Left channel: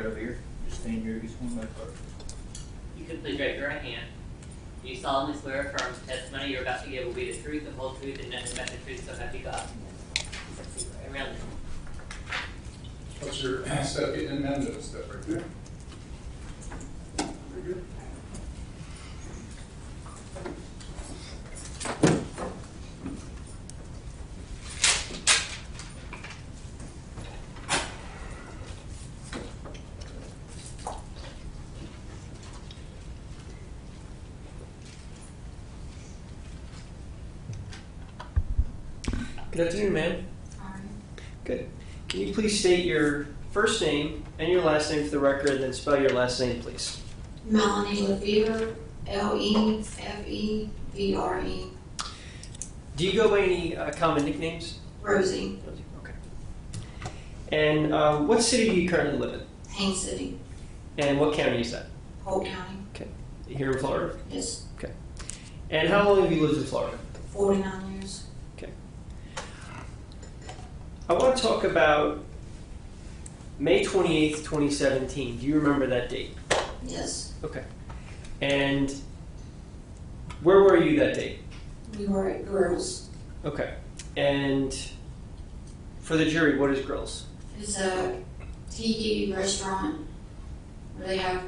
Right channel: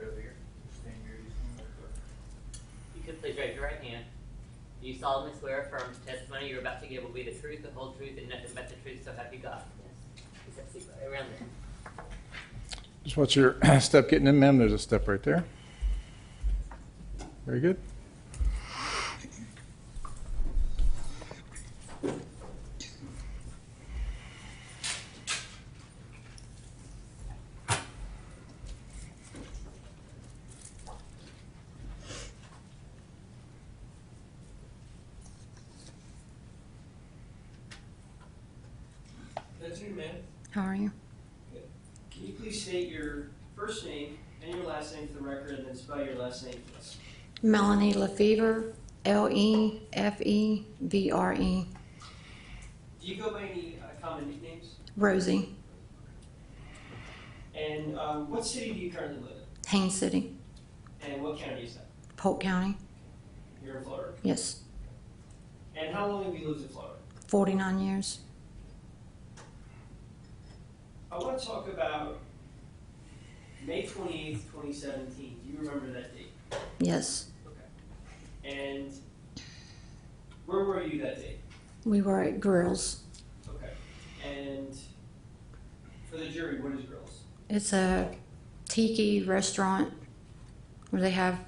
Right over here. Just stand here. Just one back up. You can please raise your right hand. Do you solemnly swear or affirm the testimony you're about to give will be the truth, the whole truth, and nothing but the truth, so help you God? Right around there. Just watch your step getting in, ma'am. There's a step right there. Very good. Good afternoon, ma'am. How are you? Good. Can you please state your first name and your last name for the record, and then spell your last name, please? Melanie Lefevre, Lefevre. Do you go by any common nicknames? Rosie, Okay. And what city do you currently live in? Haines City, And what county is that? Polk County. Okay. Here in Florida? Yes, Okay. And how long have you lived in Florida? 49 years. Okay. I want to talk about May 28th, 2017. Do you remember that date? Yes, Okay. And where were you that date? we were at Grills. Okay. And for the jury, what is Grills? It's a tiki restaurant where they have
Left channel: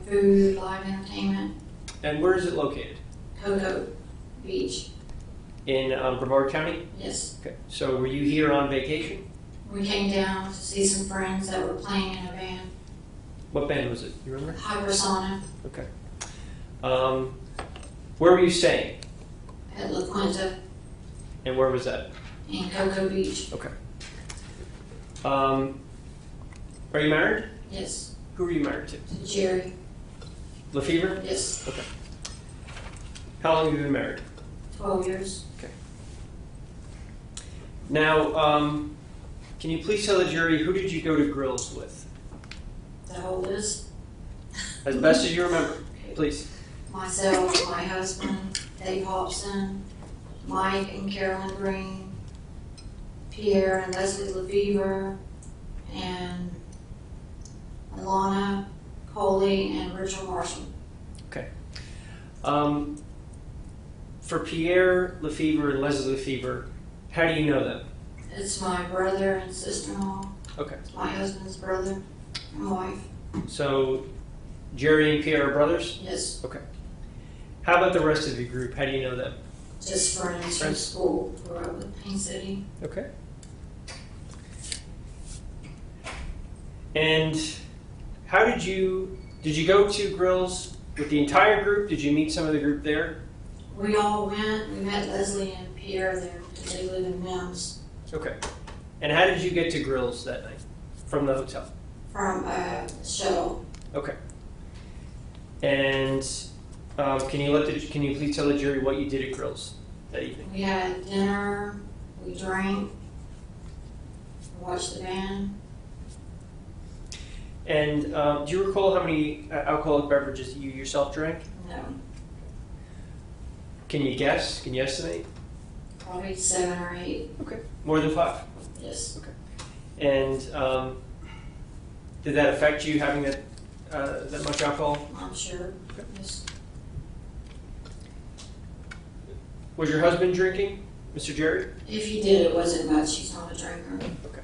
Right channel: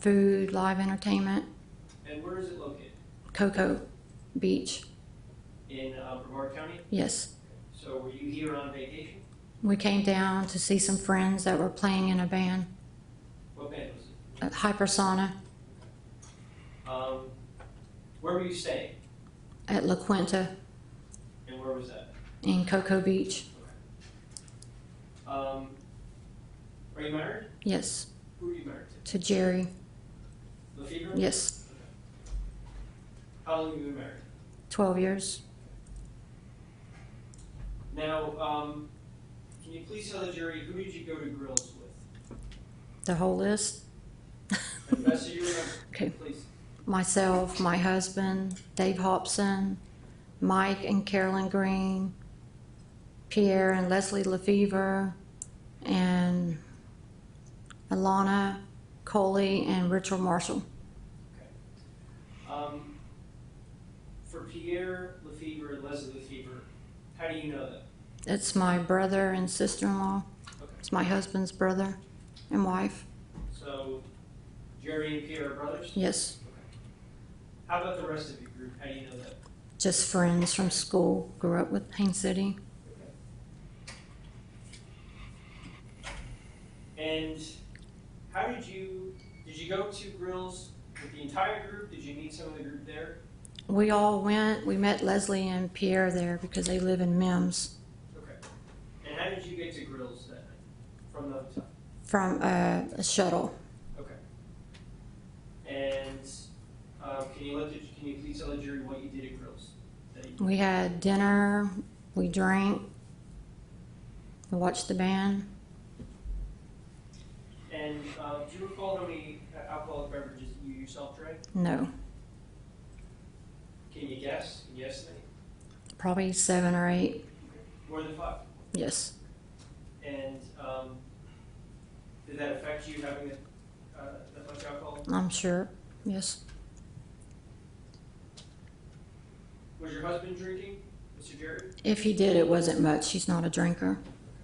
food, live entertainment. And where is it located? Cocoa Beach. In Brevard County? Yes, Okay. So were you here on vacation? we came down to see some friends that were playing in a band, What band was it? You remember? Hypersonic, Okay. Where were you staying? at La Quinta And where was that? in Cocoa Beach. Okay. Are you married? Yes, Who are you married to? to Jerry. Lefevre? Yes, Okay. How long have you been married? 12 years. Okay. Now, can you please tell the jury, who did you go to Grills with? The whole list. As best as you remember. Okay. Please. Myself, my husband, Dave Hobson, Mike and Carolyn Green, Pierre and Leslie Lefevre, and Alana Coley and Richard Marshall. Okay. For Pierre Lefevre and Leslie Lefevre, how do you know them? It's my brother and sister-in-law. Okay. It's my husband's brother and wife. So Jerry and Pierre are brothers? Yes, Okay. How about the rest of your group? How do you know them? just friends from Friends. school. Grew up with Haines City. Okay. And how did you go to Grills with the entire group? Did you meet some of the group there? We all went. We met Leslie and Pierre there because they live in Mims. Okay. And how did you get to Grills that night from the hotel? From a shuttle. Okay. And can you please tell the jury what you did at Grills that evening? We had dinner, we drank, we watched the band. And do you recall how many alcoholic beverages you yourself drank? No, Can you guess? Can you estimate? probably 7 or 8. Okay. More than 5? Yes, And did that affect you having that much alcohol? I'm sure. Yes, Was your husband drinking, Mr. Jerry? if he did, it wasn't much. He's not a drinker. Okay.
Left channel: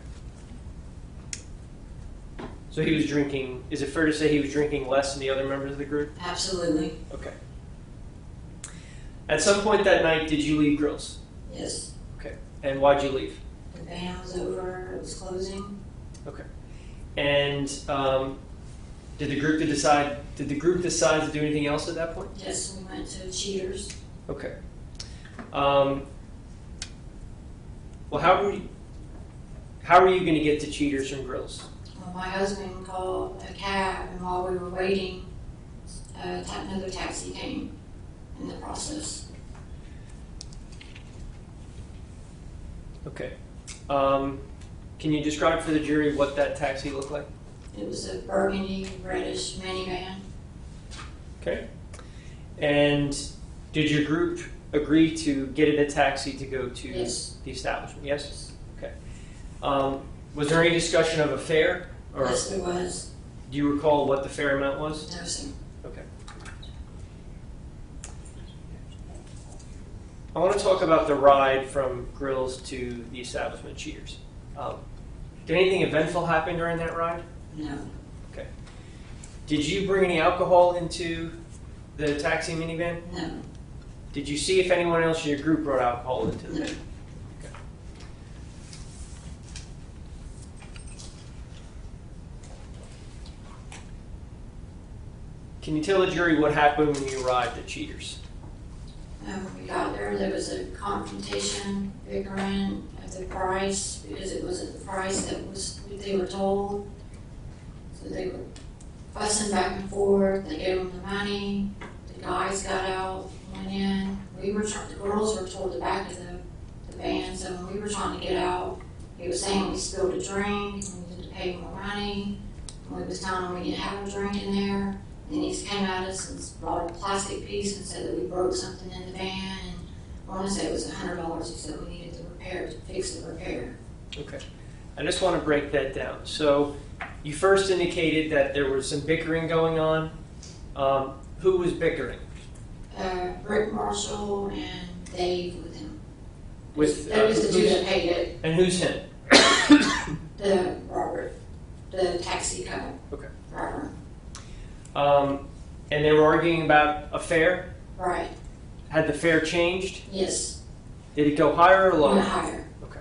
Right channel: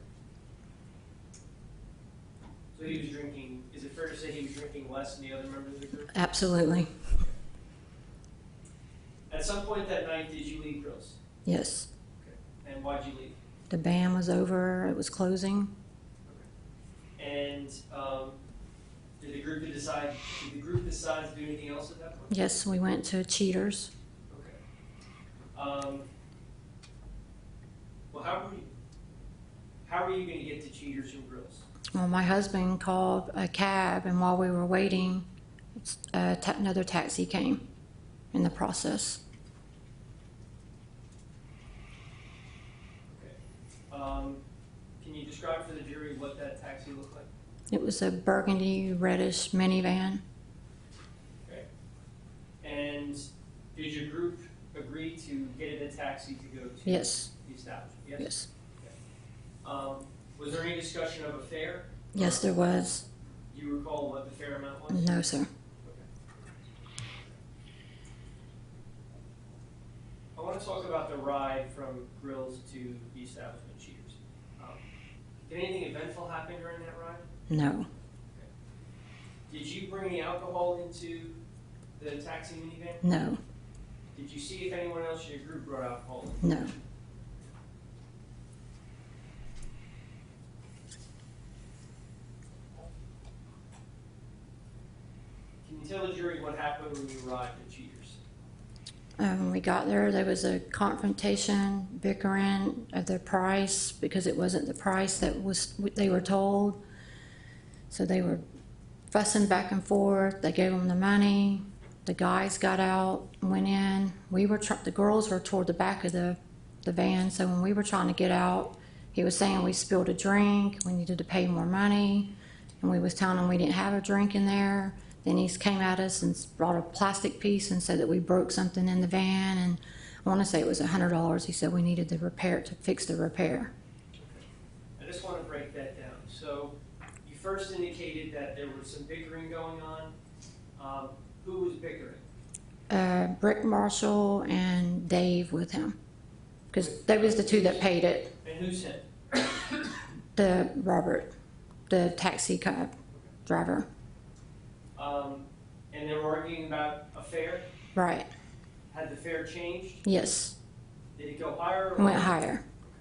So he was drinking, is it fair to say he was drinking less than the other members of the group? Absolutely. Okay. At some point that night, did you leave Grills? Yes, Okay. And why'd you leave? the band was over. It was closing. Okay. And did the group decide to do anything else at that point? Yes, we went to Cheaters. Okay. Well, how were you going to get to Cheaters from Grills? Well, my husband called a cab, and while we were waiting, another taxi came in the process. Okay. Can you describe for the jury what that taxi looked like? It was a burgundy reddish minivan. Okay. And did your group agree to get in a taxi to go to Yes. the establishment? Yes? Yes. Okay. Was there any discussion of a fare? Or- Yes, there was. Do you recall what the fare amount was? No, sir. Okay. I want to talk about the ride from Grills to the establishment Cheaters. Did anything eventful happen during that ride? No. Okay. Did you bring any alcohol into the taxi minivan? No. Did you see if anyone else in your group brought alcohol into the No. van? Okay. Can you tell the jury what happened when you arrived at Cheaters? When we got there was a confrontation, bickering at the price because it wasn't the price that they were told. So they were fussing back and forth. They gave them the money. The guys got out, went in. The girls were toward the back of the van. So when we were trying to get out, he was saying we spilled a drink. We needed to pay more money, and we was telling him we didn't have a drink in there. Then he came at us and brought a plastic piece and said that we broke something in the van, and I want to say it was $100. He said we needed to fix the repair. Okay. I just want to break that down. So you first indicated that there was some bickering going on. Who was bickering? Brick Marshall and Dave with him. Because With, they was the two who's- that paid it. And who's him? The Robert, the taxi cab Okay. driver. And they were arguing about a fare? Right. Had the fare changed? Yes. Did it go higher or lower? Went higher. Okay.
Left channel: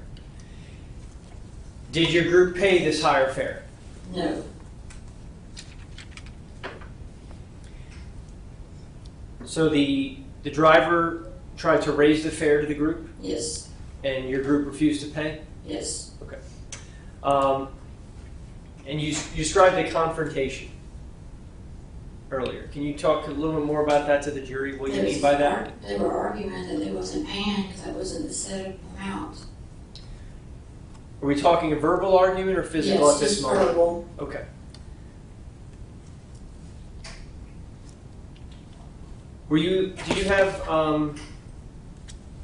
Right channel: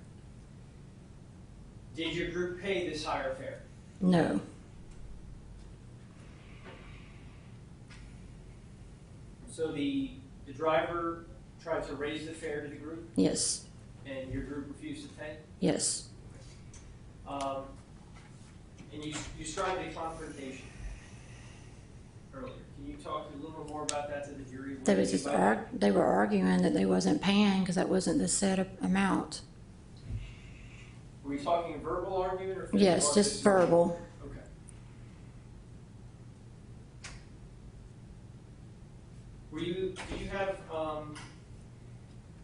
Did your group pay this higher fare? No. So the driver tried to raise the fare to the group, Yes. and your group refused to pay? Yes. Okay. And you described the confrontation earlier. Can you talk a little bit more about that to the jury? What do you mean by that? They were arguing that they wasn't paying because that wasn't the set amount. Are we talking a verbal argument or physical Yes, at this just moment? verbal. Okay. Did you have,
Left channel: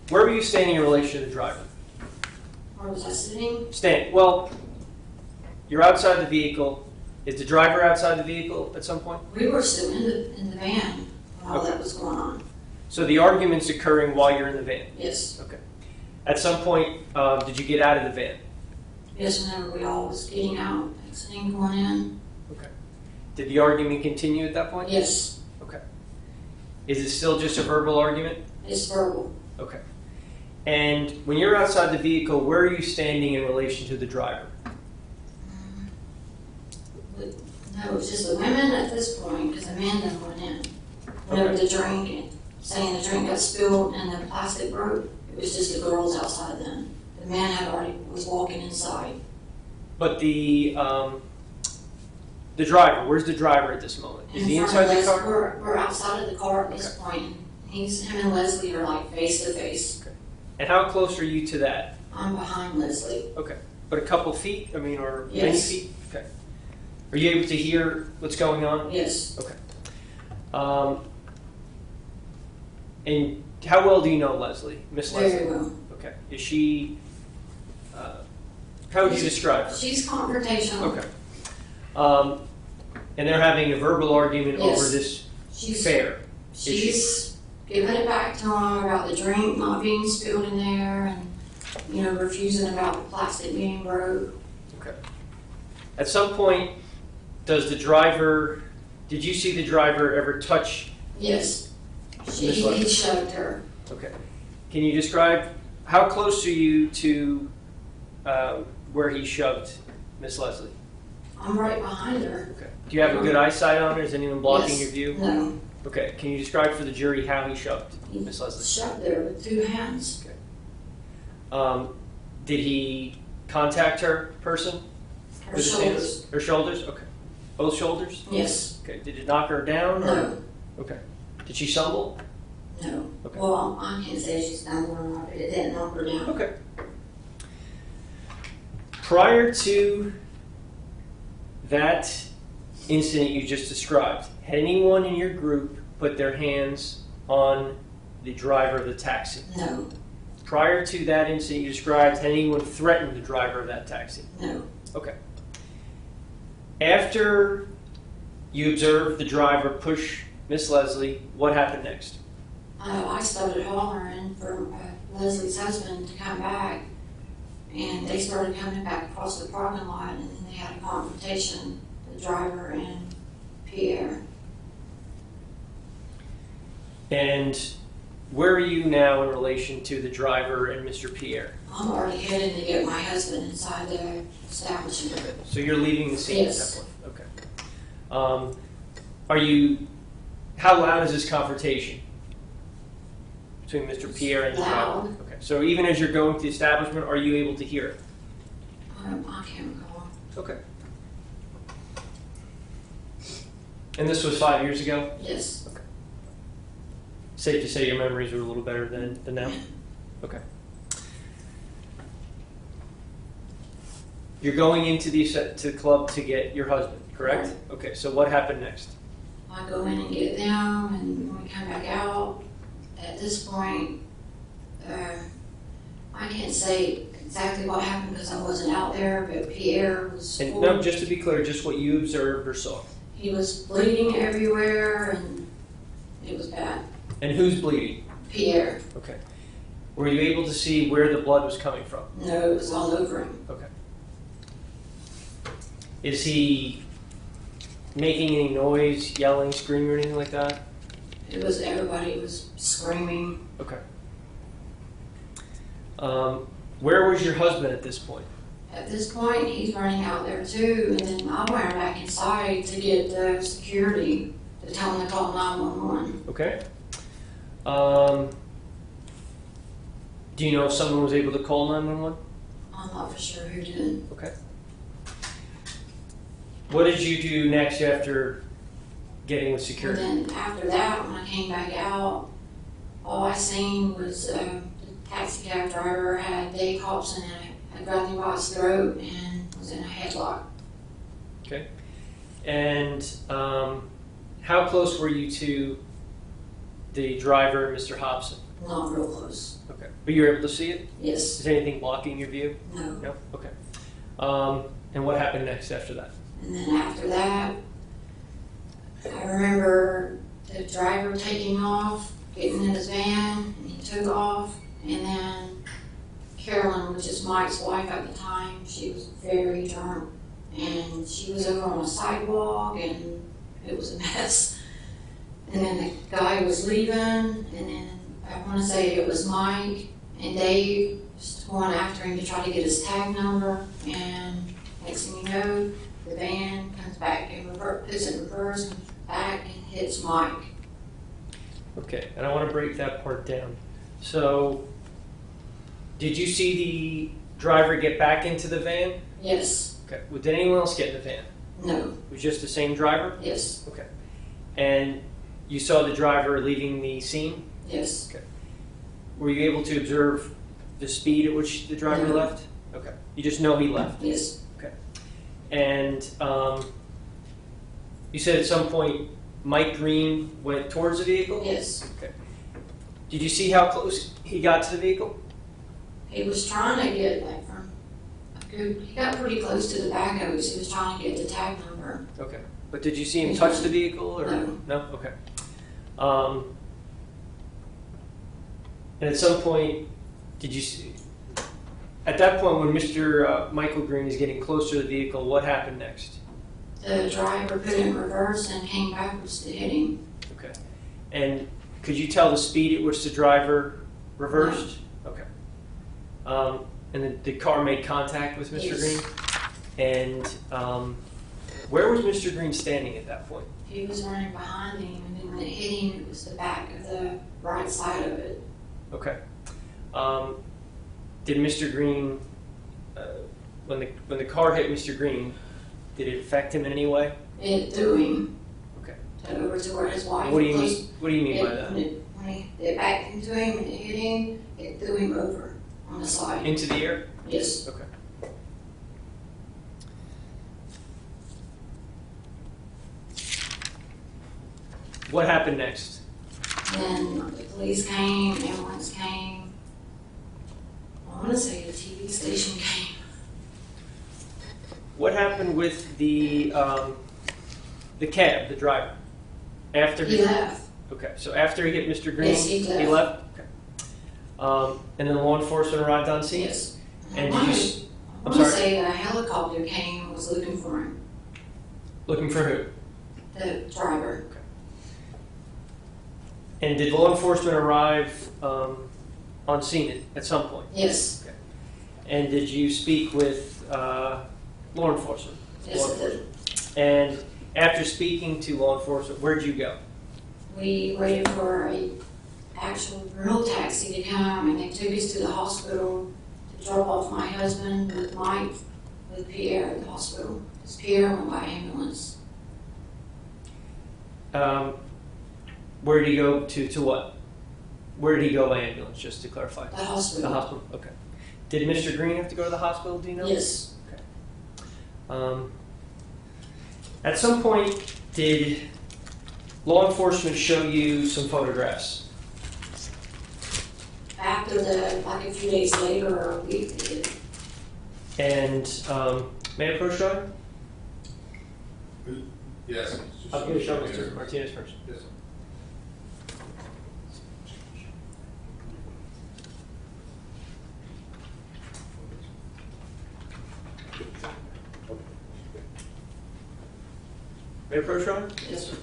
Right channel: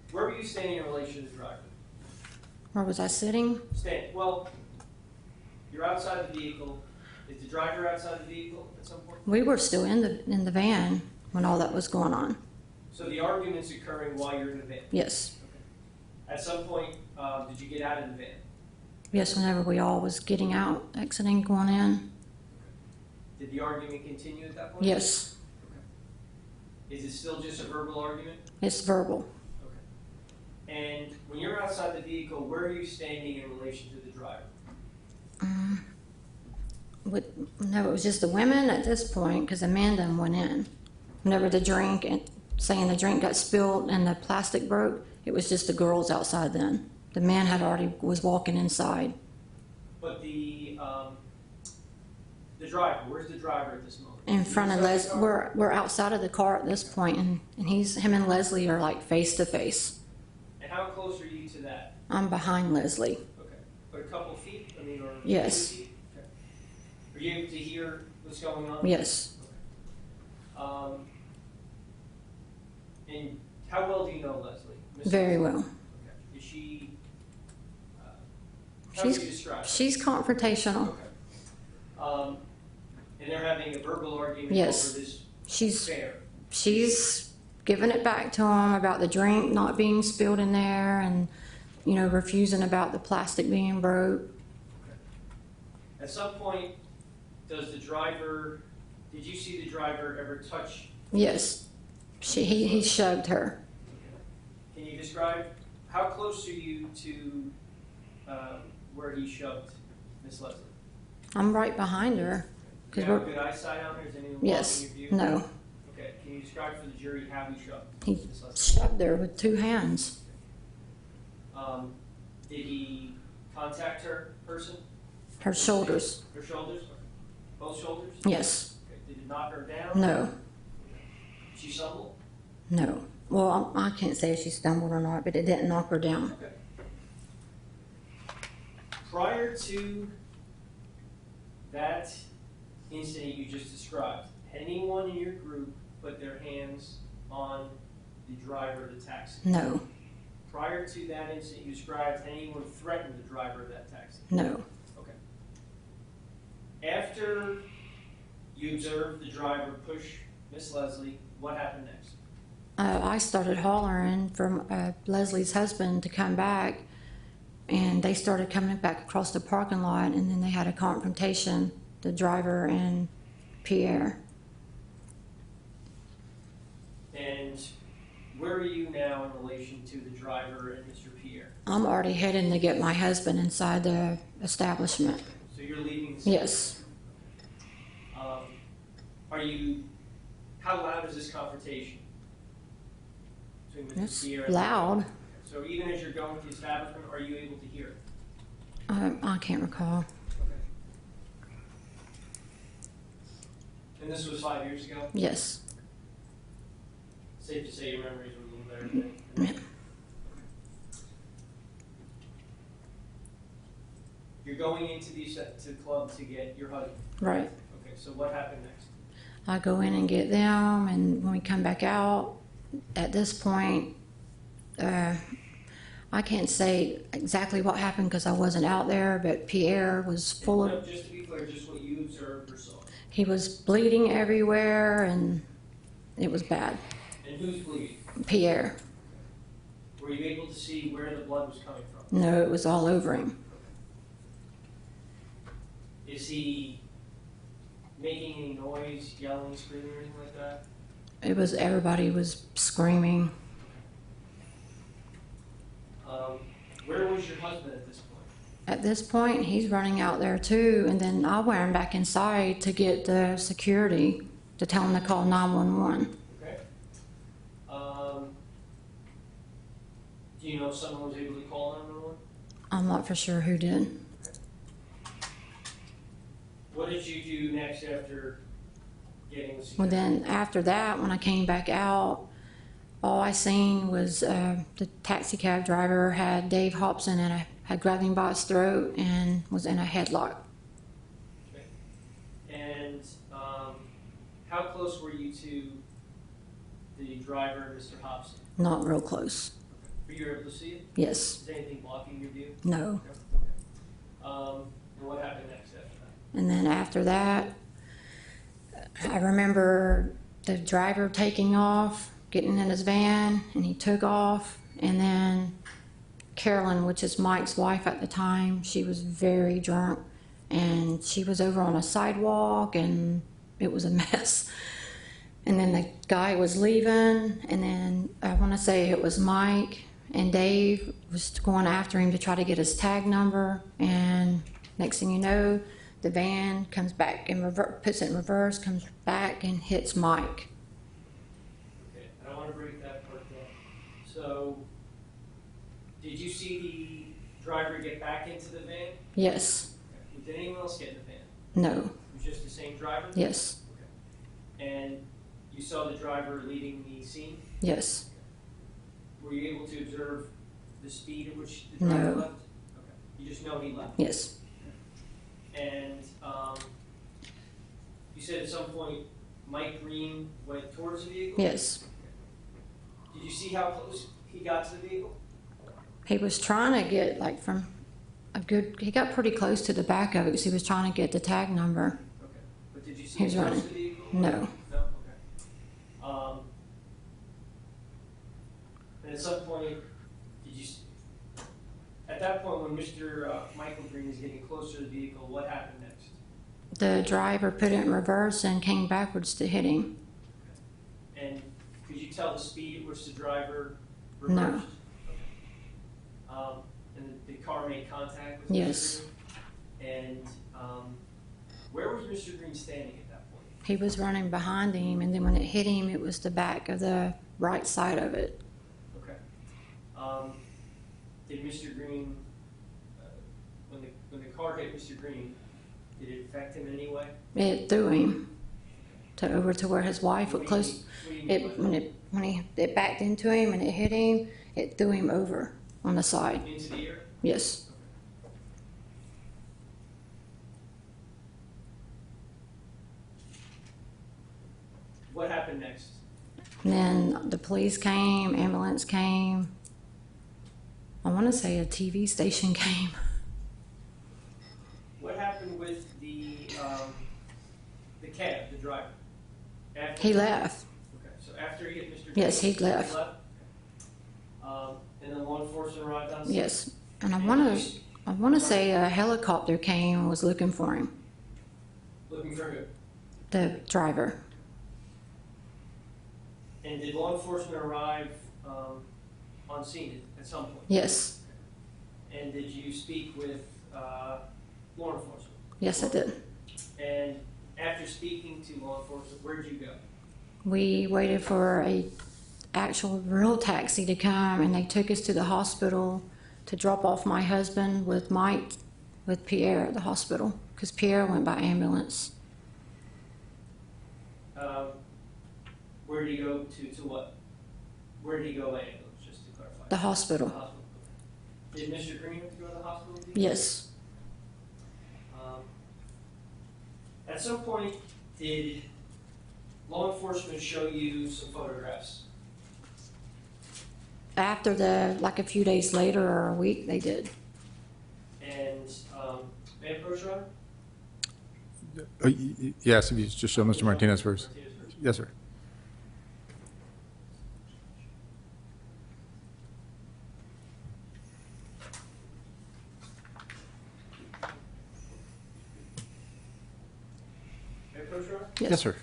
where were you standing in relation to the driver? Where was I sitting? Well, you're outside the vehicle. Is the driver outside the vehicle at some point? We were still in the van when all Okay. that was going on. So the argument's occurring while you're in the van? Yes. Okay. At some point, did you get out of the van? Yes, and we all was getting out, exiting, going in. Okay. Did the argument continue at that point? Yes, Okay. Is it still just a verbal argument? it's verbal. Okay. And when you're outside the vehicle, where are you standing in relation to the driver? No, it was just the women at this point because the men then went in. No, Okay. the drink, and saying the drink got spilled and the plastic broke. It was just the girls outside then. The men had already was walking inside. But the driver, where's the driver at this moment? In Is he front of inside the us, car? we're outside of the car at this Okay. point, and him and Leslie are like face to face. Okay. And how close are you to that? I'm behind Leslie. Okay. But a couple feet, or many Yes. feet? Okay. Are you able to hear what's going on? Yes, Okay. And how well do you know Leslie, Miss very Leslie? well. Okay. Is she? How would you describe her? She's confrontational. Okay. And they're having a verbal argument Yes. over this She's fare. She's giving it back to him about the drink not being spilled in there and, refusing about the plastic being broke. Okay. At some point, did you see the driver ever touch? Yes. Miss He Leslie. shoved her. Okay. Can you describe how close are you to where he shoved Miss Leslie? I'm right behind her. Okay. Do you have a good eyesight on her? Is anyone blocking Yes. your view? No. Okay. Can you describe for the jury how he shoved He Miss Leslie? shoved her with two hands. Did he contact her person? Her With his shoulders. hands? Her shoulders? Okay. Both shoulders? Yes. Okay. Did it knock her down? No. Okay. Did she stumble? No. Well, I can't say if she stumbled or not, but it didn't knock her down. Okay. Prior to that incident you just described, had anyone in your group put their hands on the driver of the taxi? No. Prior to that incident you described, had anyone threatened the driver of that taxi? No. Okay. After You observed the driver push Miss Leslie. What happened next? I started hollering for Leslie's husband to come back, and they started coming back across the parking lot, and then they had a confrontation, the driver and Pierre. And where are you now in relation to the driver and Mr. Pierre? I'm already heading to get my husband inside the establishment. So you're leaving the scene Yes. at that point? Okay. Are you, how loud is this confrontation between Mr. It's Pierre and the loud. driver? Okay. So even as you're going to the establishment, are you able to hear it? I can't recall. Okay. And this was 5 years ago? Yes. Safe to say your memories were a little better than now? Okay. You're going into the club to get your husband, correct? Right. Okay, so what happened next? I go in and get them, and when we come back out, at this point, I can't say exactly what happened because I wasn't out there, but Pierre was And full. no, just to be clear, just what you observed or saw. He was bleeding everywhere, and it was bad. And who's bleeding? Pierre. Okay. Were you able to see where the blood was coming from? No, it was all over him. Okay. Is he making any noise, yelling, screaming, or anything like that? It was, everybody was screaming. Okay. Where was your husband at this point? At this point, he's running out there too, and then I ran back inside to get the security to tell him to call 911. Okay. Do you know if someone was able to call 911? I'm not for sure who did. Okay. What did you do next after getting with And security? then after that, when I came back out, all I seen was the taxi cab driver had Dave Hobson and had grabbed him by his throat and was in a headlock. Okay. And how close were you to the driver, Mr. Hobson? Not real close. Okay. But you were able to see it? Yes. Is anything blocking your view? No. No? Okay. And what happened next after that? And then after that, I remember the driver taking off, getting in his van, and he took off. And then Carolyn, which is Mike's wife at the time, she was very drunk. And she was over on a sidewalk, and it was a mess. And then the guy was leaving, and then I want to say it was Mike and Dave was going after him to try to get his tag number. And next thing you know, the van comes back in reverse, puts it in reverse, comes back and hits Mike. Okay, and I want to break that part down. So, did you see the driver get back into the van? Yes. Okay. Well, did anyone else get in the van? No. It was just the same driver? Yes. Okay. And you saw the driver leaving the scene? Yes. Okay. Were you able to observe the speed at which the driver No. left? Okay. You just know he left? Yes. Okay. And you said at some point Mike Green went towards the vehicle? Yes. Okay. Did you see how close he got to the vehicle? He was trying to get like from a good, he got pretty close to the back of it. He was trying to get the tag number. Okay. But did you see him touch the vehicle? Or? No. No? Okay. And at some point, did you see, at that point when Mr. Michael Green is getting close to the vehicle, what happened next? The driver put it in reverse and came backwards to hit him. Okay. And could you tell the speed at which the driver reversed? Okay. And then the car made contact with Mr. Yes. Green? And where was Mr. Green standing at that point? He was running behind him, and then when it hit him, it was the back of the right side of it. Okay. Did Mr. Green, when the car hit Mr. Green, did it affect him in any way? It threw him Okay. over to where his wife What do you was. mean? What do you mean by that? When it backed into him and it hit him, it threw him over on the side. Into the air? Yes. Okay. What happened next? And then the police came, ambulance came. I want to say a TV station came. What happened with the the cab, the driver? After He left. Okay, so after he hit Mr. Green, Yes, he left. Okay. And then law enforcement arrived on scene? Yes. And I And want you- to, I'm sorry? say a helicopter came and was looking for him, Looking for who? the driver. And did law enforcement arrive on scene at some point? Yes. Okay. And did you speak with law enforcement? Yes, Law it did. enforcement. And after speaking to law enforcement, where'd you go? We waited for a actual real taxi to come, and they took us to the hospital to drop off my husband with Mike, with Pierre at the hospital, because Pierre went by ambulance. Where did he go to what? Where did he go by ambulance, just to clarify? The hospital. The hospital, okay. Did Mr. Green have to go to the hospital, do you know? Yes. At some point, did law enforcement show you some photographs? After like a few days later or a week, they did. And may I approach John? Yes, you just show Mr. Martinez first. Martinez first. Yes, sir. May I approach John? Yes, sir.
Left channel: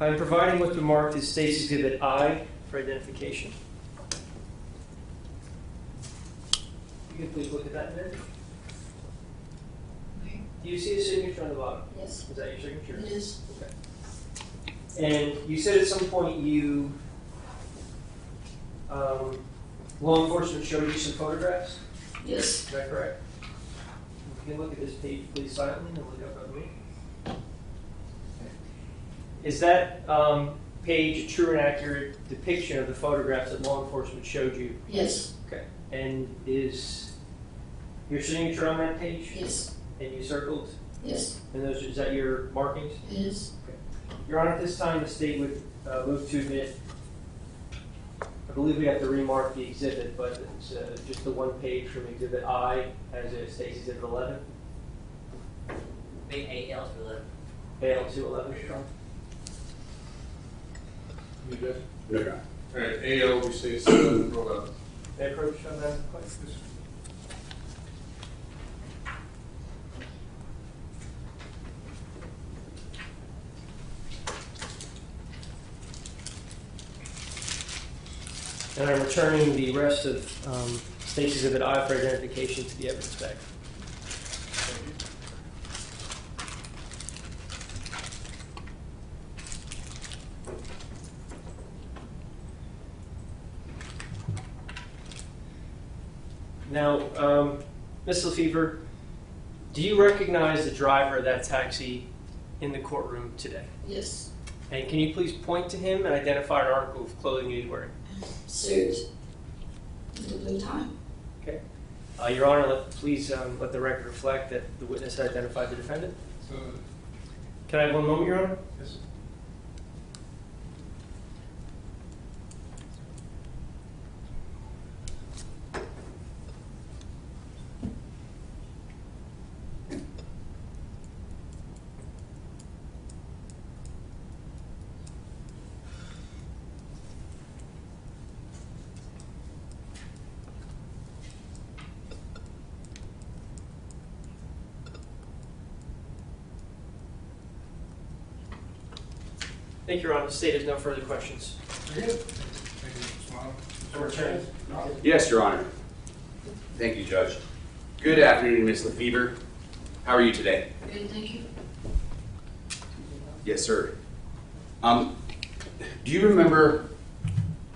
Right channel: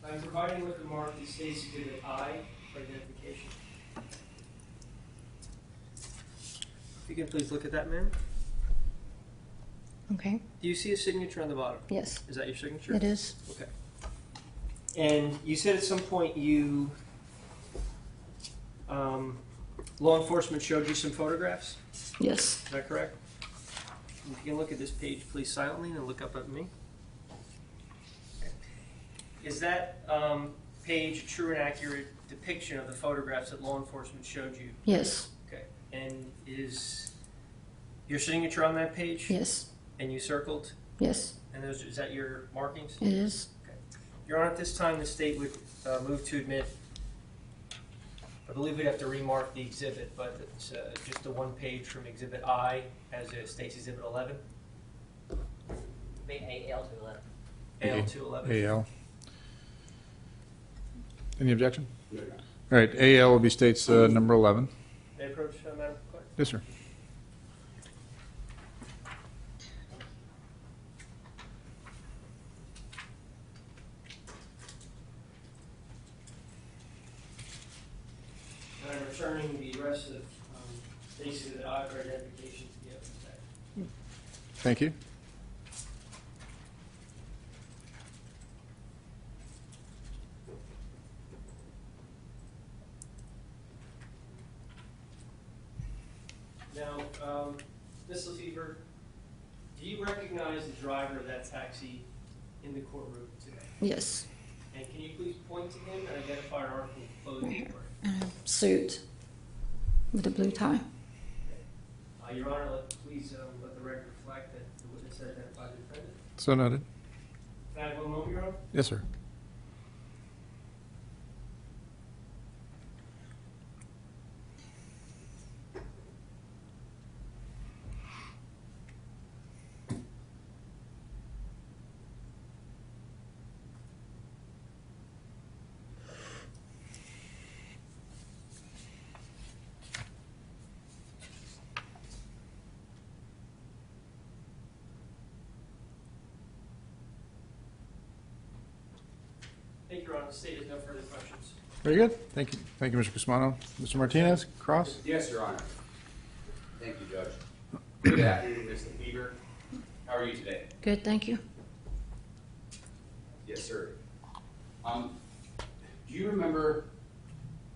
I'm providing what's been marked as State's Exhibit I for identification. If you can please look at that, man. Okay. Do you see a signature on the bottom? Yes, Is that your signature? it is. Okay. And you said at some point you, law enforcement showed you some photographs? Yes. Is that correct? If you can look at this page, please, silently, and look up at me. Is that page a true and accurate depiction of the photographs that law enforcement showed you? Yes. Okay. And is your signature on that page? Yes. And you circled? Yes. And those, is that your markings? It is. Your Honor, at this time, the state would move to admit, I believe we'd have to remark the exhibit, but it's just the one page from Exhibit I as a State's Exhibit 11, Big AL to 11. AL 211. AL. Any objection? No, Your Honor. All right, AL will be states number 11. May I approach on that, please? Yes, sir. And I'm returning the rest of State's Exhibit I for identification to the evidence bag. Thank you. Now, Ms. Lefevre, do you recognize the driver of that taxi in the courtroom today? Yes. And can you please point to him and identify an article of clothing he's wearing? Suit with the blue tie. Okay. Your Honor, please let the record reflect that the witness identified the defendant. So noted. Can I have one moment, Your Honor? Yes, sir. Thank you, Your Honor. The State has no further questions. Very good. Thank you. Thank you, Mr. Pismano. Mr. Martinez, cross. Yes, Your Honor. Thank you, Judge. Good afternoon, Ms. Lefevre. How are you today? Good, thank you. Yes, sir. Do you remember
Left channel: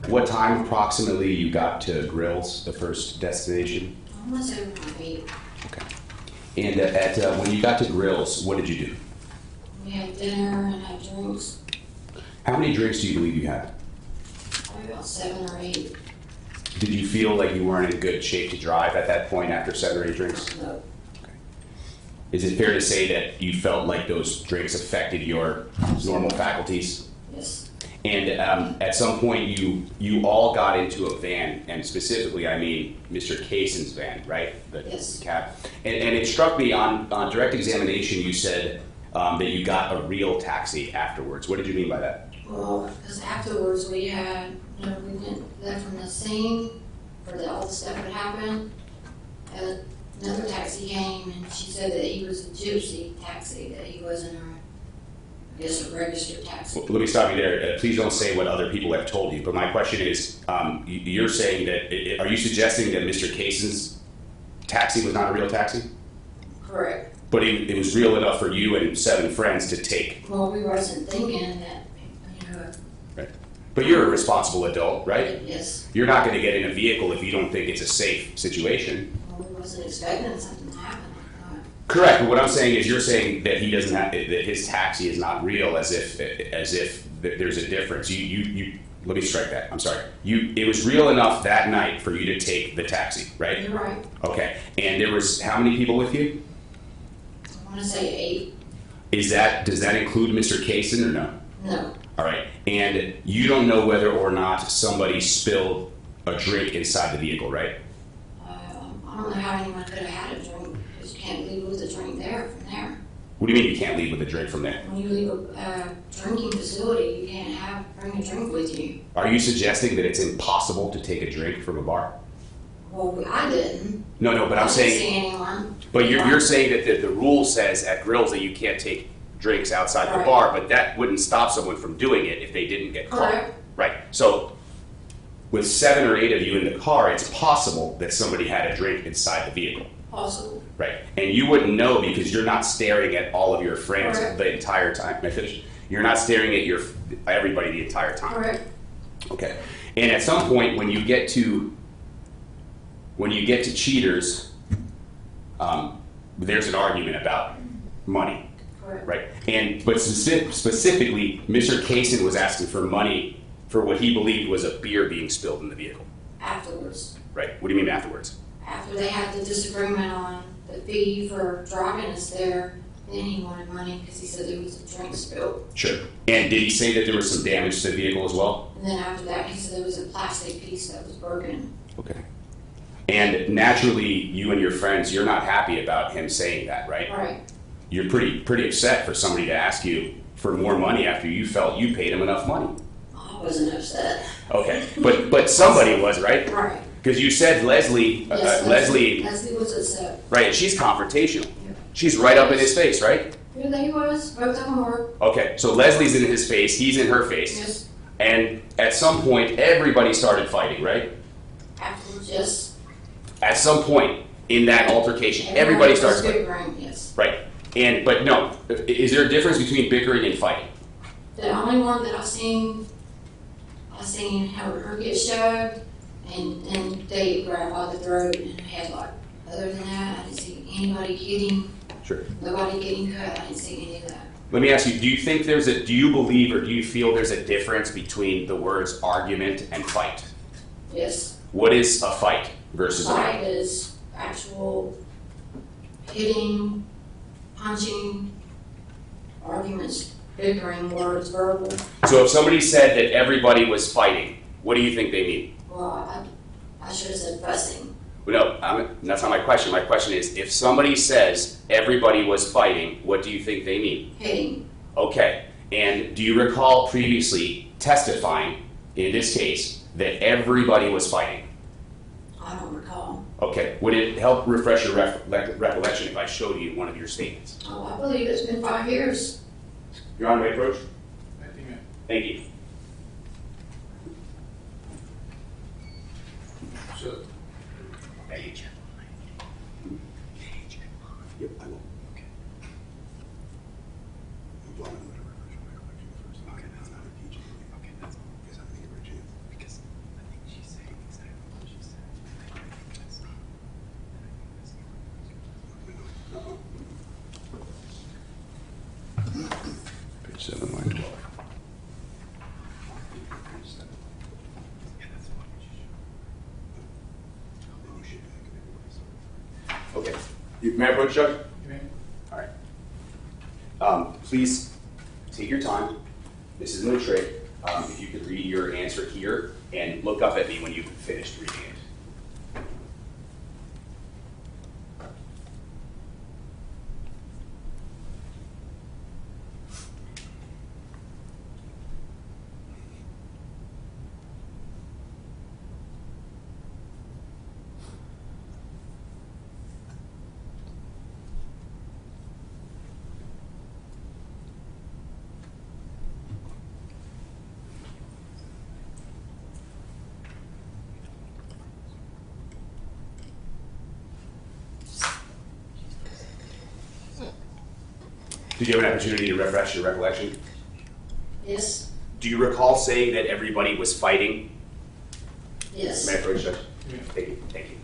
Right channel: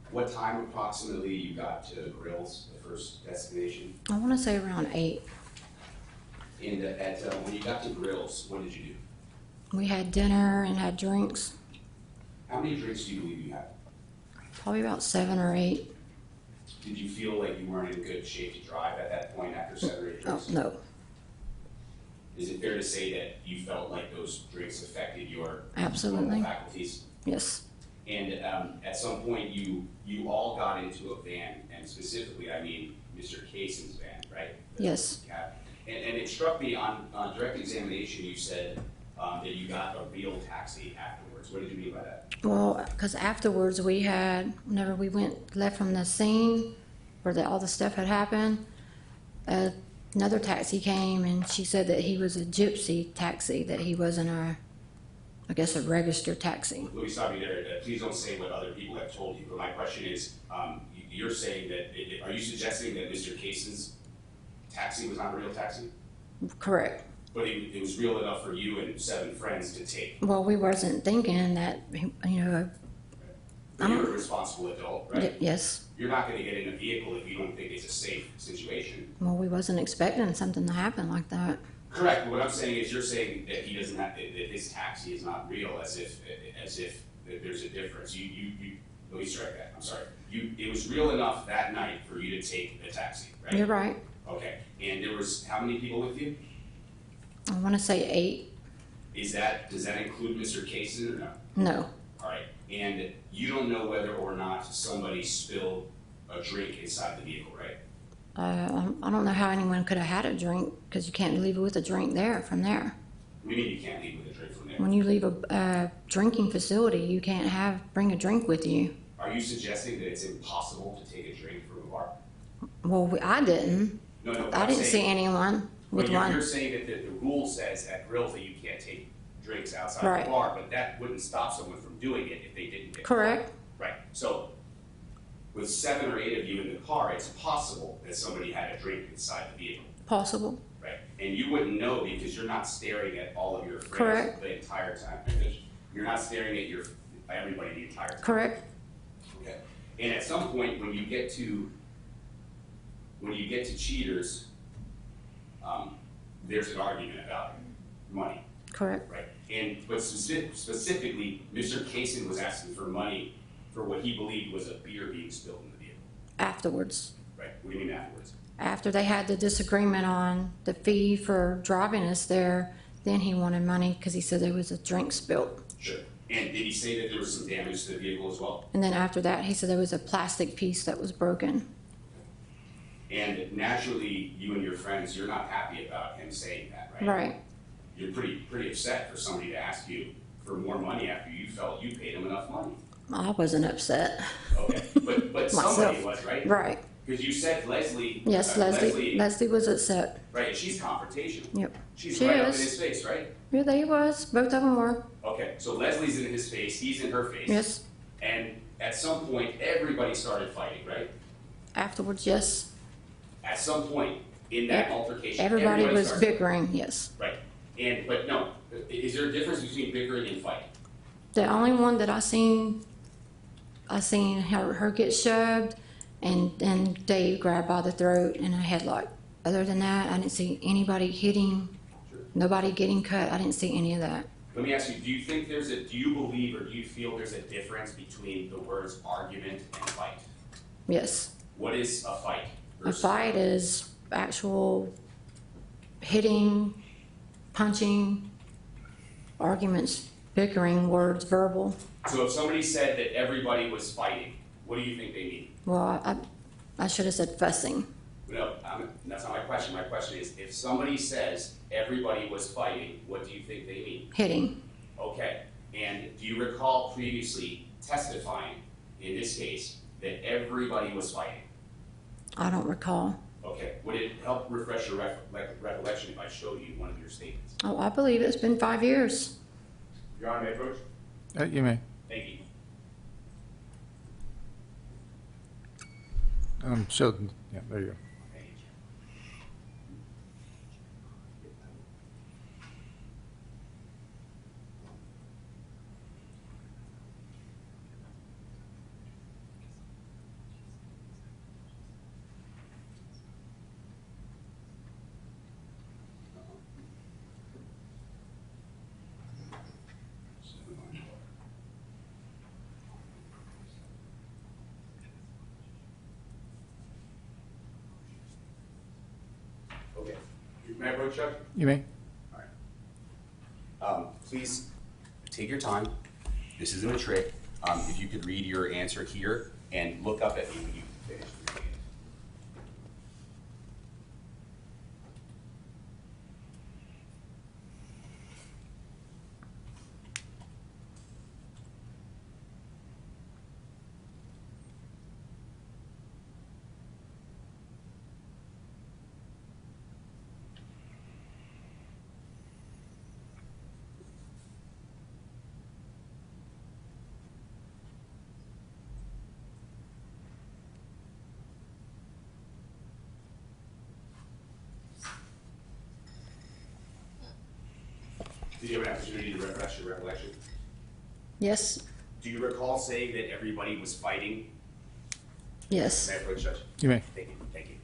what time approximately you got to Grills, the first destination? I want to say around 8. Okay. And when you got to Grills, what did you do? We had dinner and had drinks, How many drinks do you believe you had? probably about 7 or 8. Did you feel like you weren't in good shape to drive at that point after 7 or 8 drinks? No. Is it fair to say that you felt like those drinks affected your Absolutely. normal faculties? Yes. And at some point, you all got into a van, and specifically, I mean, Mr. Kaysen's van, right? The Yes. cab. And it struck me on direct examination, you said that you got a real taxi afterwards. What did you mean by that? Well, because afterwards we left from the scene where all the stuff had happened. Another taxi came and she said that he was a gypsy taxi, that he wasn't I guess a registered taxi. Well, let me stop you there. Please don't say what other people have told you. But my question is, you're saying that, are you suggesting that Mr. Cason's taxi was not a real taxi? Correct. But it was real enough for you and 7 friends to take? Well, we wasn't thinking that, Right. But you're a responsible adult, right? Yes. You're not going to get in a vehicle if you don't think it's a safe situation. Well, we wasn't expecting something to happen like that. Correct, but what I'm saying is you're saying that he doesn't have, that his taxi is not real, as if there's a difference. Let me strike that, I'm sorry. It was real enough that night for you to take the taxi, right? You're right. Okay, and there was how many people with you? I want to say 8. Does that include Mr. Cason or no? No. All right, and you don't know whether or not somebody spilled a drink inside the vehicle, right? I don't know how anyone could have had a drink, because you can't leave it with a drink from there. What do you mean you can't leave with a drink from there? When you leave a drinking facility, you can't bring a drink with you. Are you suggesting that it's impossible to take a drink from a bar? Well, I didn't. No, but I I'm didn't saying. see anyone. But you're saying that the rule says at grills that you can't take drinks outside the Right. bar, but that wouldn't stop someone from doing it if they didn't get caught. Correct. Right. So with 7 or 8 of you in the car, it's possible that somebody had a drink inside the vehicle. Possible. Right. And you wouldn't know because you're not staring at all of your friends Correct. the entire time. Can I finish? You're not staring at everybody the entire time. Correct. Okay. And at some point when you get to Cheaters, there's an argument about money. Correct. Right. But specifically, Mr. Cason was asking for money for what he believed was a beer being spilled in the vehicle. Afterwards. Right. What do you mean afterwards? After they had the disagreement on the fee for driving us there, then he wanted money because he said there was a drink spilled. Sure. And did he say that there was some damage to the vehicle as well? And then after that, he said there was a plastic piece that was broken. Okay. And naturally, you and your friends, you're not happy about him saying that, right? Right. You're pretty upset for somebody to ask you for more money after you felt you paid him enough money. I wasn't upset. Okay. But somebody was, right? Right. Because you said Leslie, Yes, Leslie, Leslie was upset. right, and she's confrontational. Yep. She's right up in his face, right? Yeah, they was. Both of them were. Okay, so Leslie's in his face, he's in her face. Yes. And at some point, everybody started fighting, right? Afterwards, yes. At some point in that altercation, everybody was starts fighting. bickering, yes. Right. But no, is there a difference between bickering and fighting? The only one that I seen her get shoved, and then Dave grabbed by the throat and a headlock. Other than that, I didn't see anybody hitting, Sure. nobody getting cut. I didn't see any of that. Let me ask you, do you believe or do you feel there's a difference between the words argument and fight? Yes. What is a fight versus Fight is actual hitting, punching, arguments, bickering, words, verbal. So if somebody said that everybody was fighting, what do you think they mean? Well, I should have said fussing. No, that's not my question. My question is, if somebody says everybody was fighting, what do you think they mean? Hitting. Okay. And do you recall previously testifying, in this case, that everybody was fighting? I don't recall. Okay. Would it help refresh your recollection if I showed you one of your statements? Oh, I believe it's been 5 years. Your Honor, may I approach? You may. Thank you. Show them. There you go. Thank you, Chair. Yep, I will. Page 7, line 12. Okay. May I approach, Judge? You may. All right. Please take your time. This is no trick. If you could read your answer here and look up at me when you've finished reading it. Did you have an opportunity to refresh your recollection? Yes, Do you recall saying that everybody was fighting? yes, May I approach, Judge? You may. Thank you, thank you.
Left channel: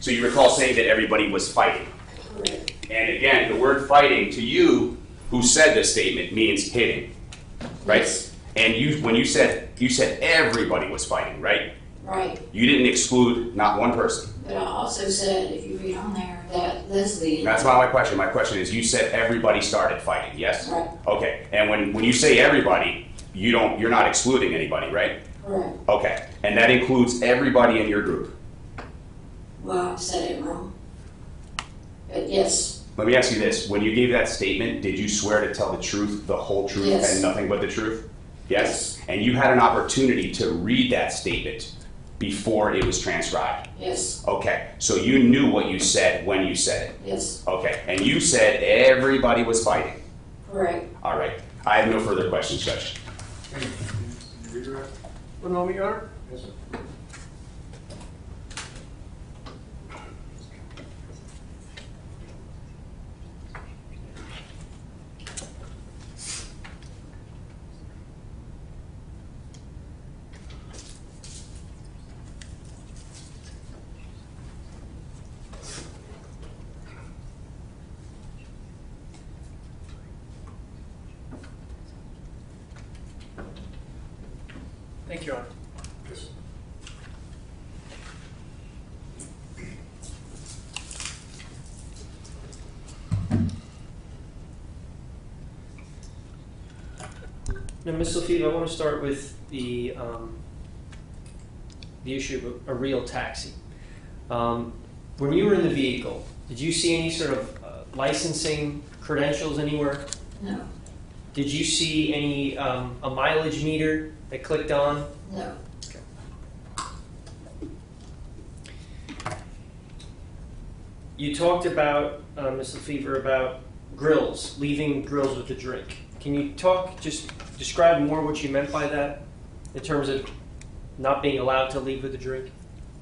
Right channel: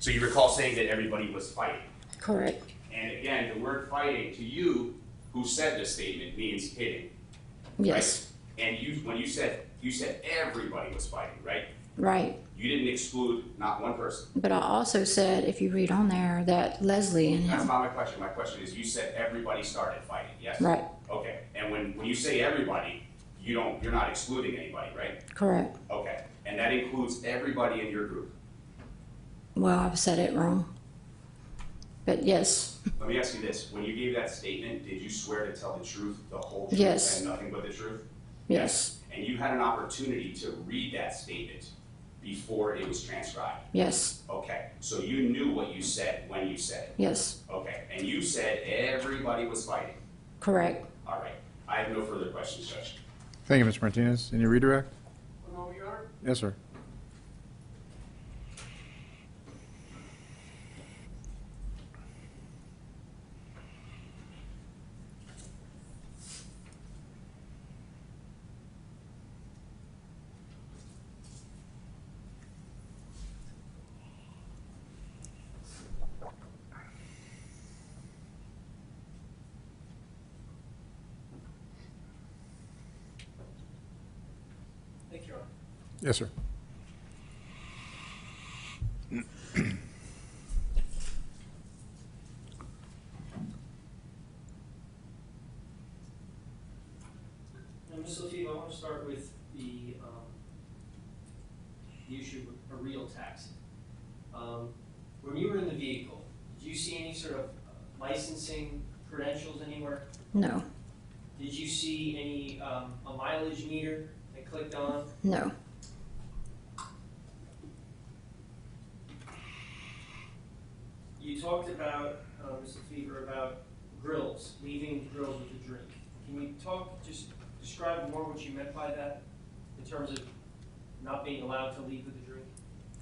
So you recall saying that everybody was fighting? correct, And again, the word fighting to you, who said this statement, means hitting, right? yes, And when you said everybody was fighting, right? right. You didn't exclude not one person. But I also said, if you read on there, that Leslie. That's not my question. My question is, you said everybody started fighting, yes? Right. Okay. And when you say everybody, you're not excluding anybody, right? Correct. Okay. And that includes everybody in your group. Well, I've said it wrong. But yes, Let me ask you this: when you gave that statement, did you swear to tell the truth, the whole truth, Yes. and nothing but the truth? Yes. And you had an opportunity to read that statement before it was transcribed. yes, Okay. So you knew what you said when you said it. yes, Okay. And you said everybody was fighting. correct. All right. I have no further questions, Judge. Thank you, Mr. Martinez. Any redirect? One moment, Your Honor. Yes, sir. Thank you, Your Honor. Yes, sir. Now, Ms. Lefevre, I want to start with the issue of a real taxi. When you were in the vehicle, did you see any sort of licensing credentials anywhere? No, Did you see any a mileage meter that clicked on? no, You talked about, Ms. Lefevre, about grills, leaving grills with a drink. Can you just describe more what you meant by that in terms of not being allowed to leave with a drink?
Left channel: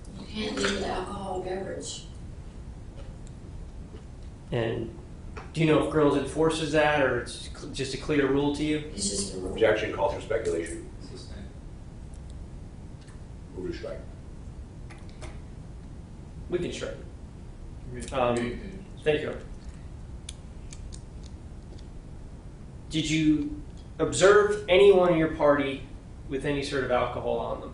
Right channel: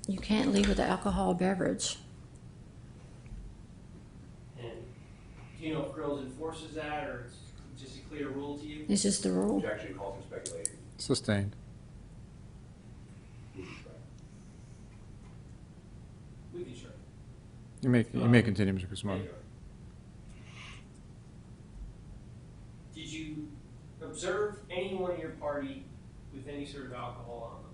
you can't leave the alcohol beverage. And do you know if Grills enforces that, or it's just a clear rule to you? It's just a rule. Objection. Call for speculation. Sustained. Move to strike. We can strike it. You may continue, Mr. Guzman. Thank you. Did you observe anyone in your party with any sort of alcohol on them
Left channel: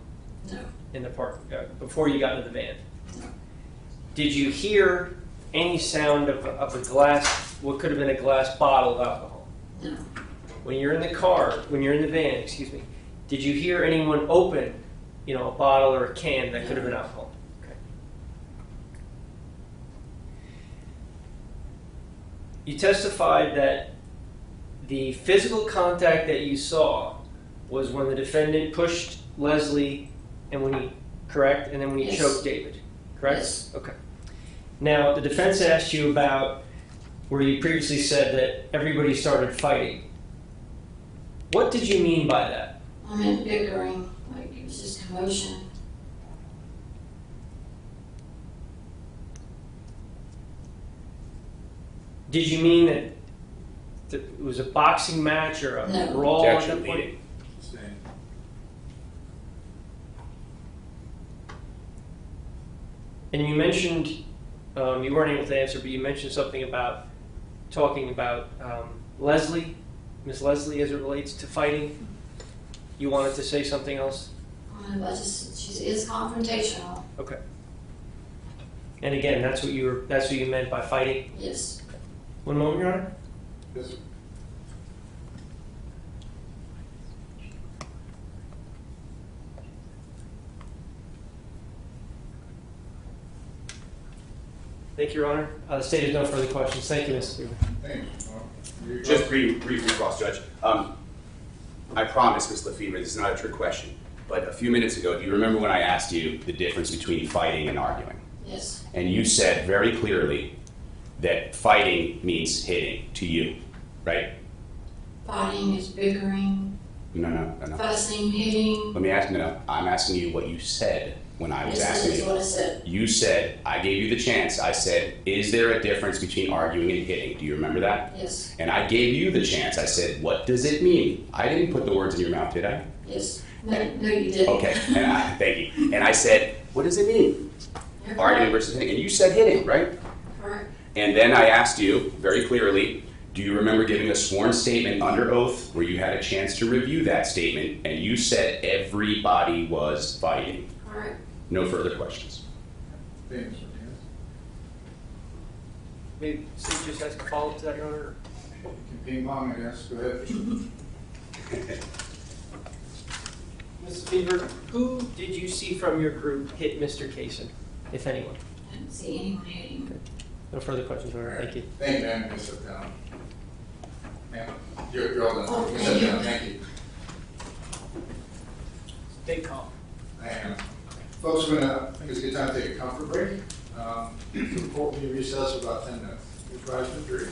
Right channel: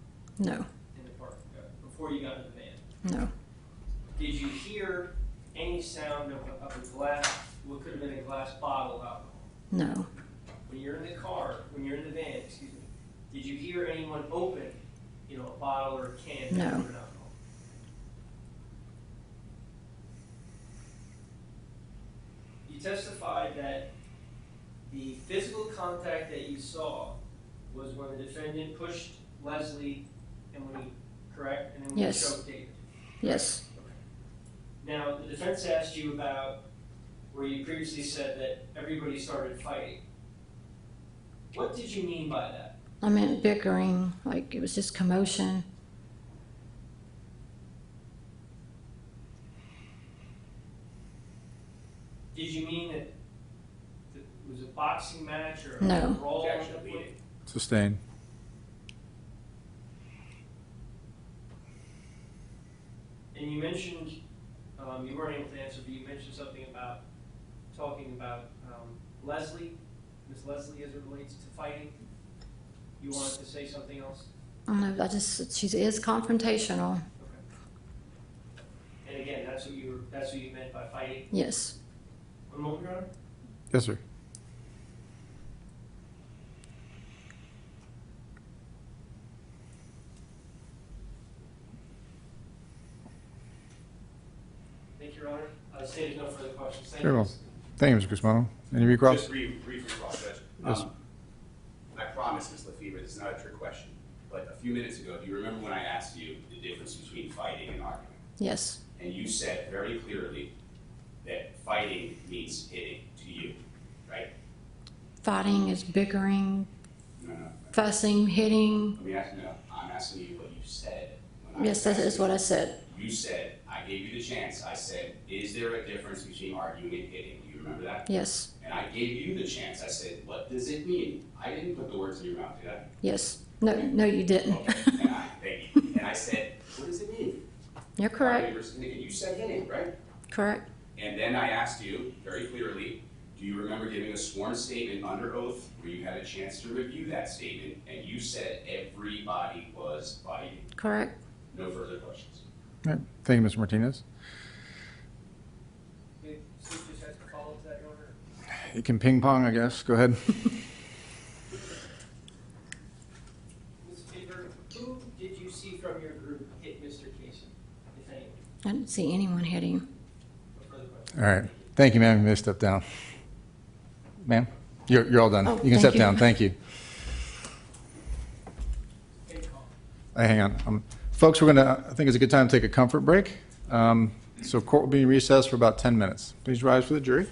No, in the park before you got into the van? no, Did you hear any sound of a glass, what could have been a glass bottle of alcohol? no, When you're in the car, when you're in the van, excuse me, did you hear anyone open, a bottle or a can that No. could have been alcohol? Okay. You testified that the physical contact that you saw was when the defendant pushed Leslie and correct? And then when you Yes. choked David, correct? Yes. Okay. Now, the defense asked you about where you previously said that everybody started fighting. What did you mean by that? I meant bickering, like it was just commotion. Did you mean that it was a boxing match or a No. brawl at Objection. that point? Leading. Sustained. And you mentioned, you weren't able to answer, but you mentioned something about talking about Leslie, Miss Leslie, as it relates to fighting. You wanted to say something else? I don't know, she is confrontational. Okay. And again, that's what you meant by fighting? Yes, One moment, Your Honor. Yes, sir. Thank you, Your Honor. The state has no further questions. Thank you. Sure. Ms. Lefevre. Thank you, Mr. Guzman. Any recross? Just brief recross, Judge. I promise, Ms. Lefevre, this is not a trick question, but a few minutes ago, do you remember when I asked you the difference between fighting and arguing? yes, And you said very clearly that fighting means hitting to you, right? fighting is bickering, No. fussing, hitting. Let me ask, no, I'm asking you what you said when I was Yes, that asking is you. what I said. You said, I gave you the chance. I said, is there a difference between arguing and hitting? Do you remember that? Yes, And I gave you the chance. I said, what does it mean? I didn't put the words in your mouth, did I? yes. No, you didn't. Okay, thank you. And I said, what does it mean? You're Arguing correct. versus hitting. And you said hitting, right? Correct. And then I asked you very clearly, do you remember giving a sworn statement under oath where you had a chance to review that statement and you said everybody was fighting? Correct. No further questions. All right. Thank you, Mr. Martinez. Maybe Steve just has a follow-up to that, Your Honor? You can ping pong, I guess. Go ahead. Mrs. Fever, who did you see from your group hit Mr. Kaysen, if anyone? I didn't see anyone hitting, but No further questions. All right. Thank you. Thank you, ma'am. You may step down. Ma'am, you're all done. Oh, You can step thank down. you. Thank you. Stay calm. Hang on. Folks, I think it's a good time to take a comfort break. So court will be in recess for about 10 minutes. Please rise for the jury.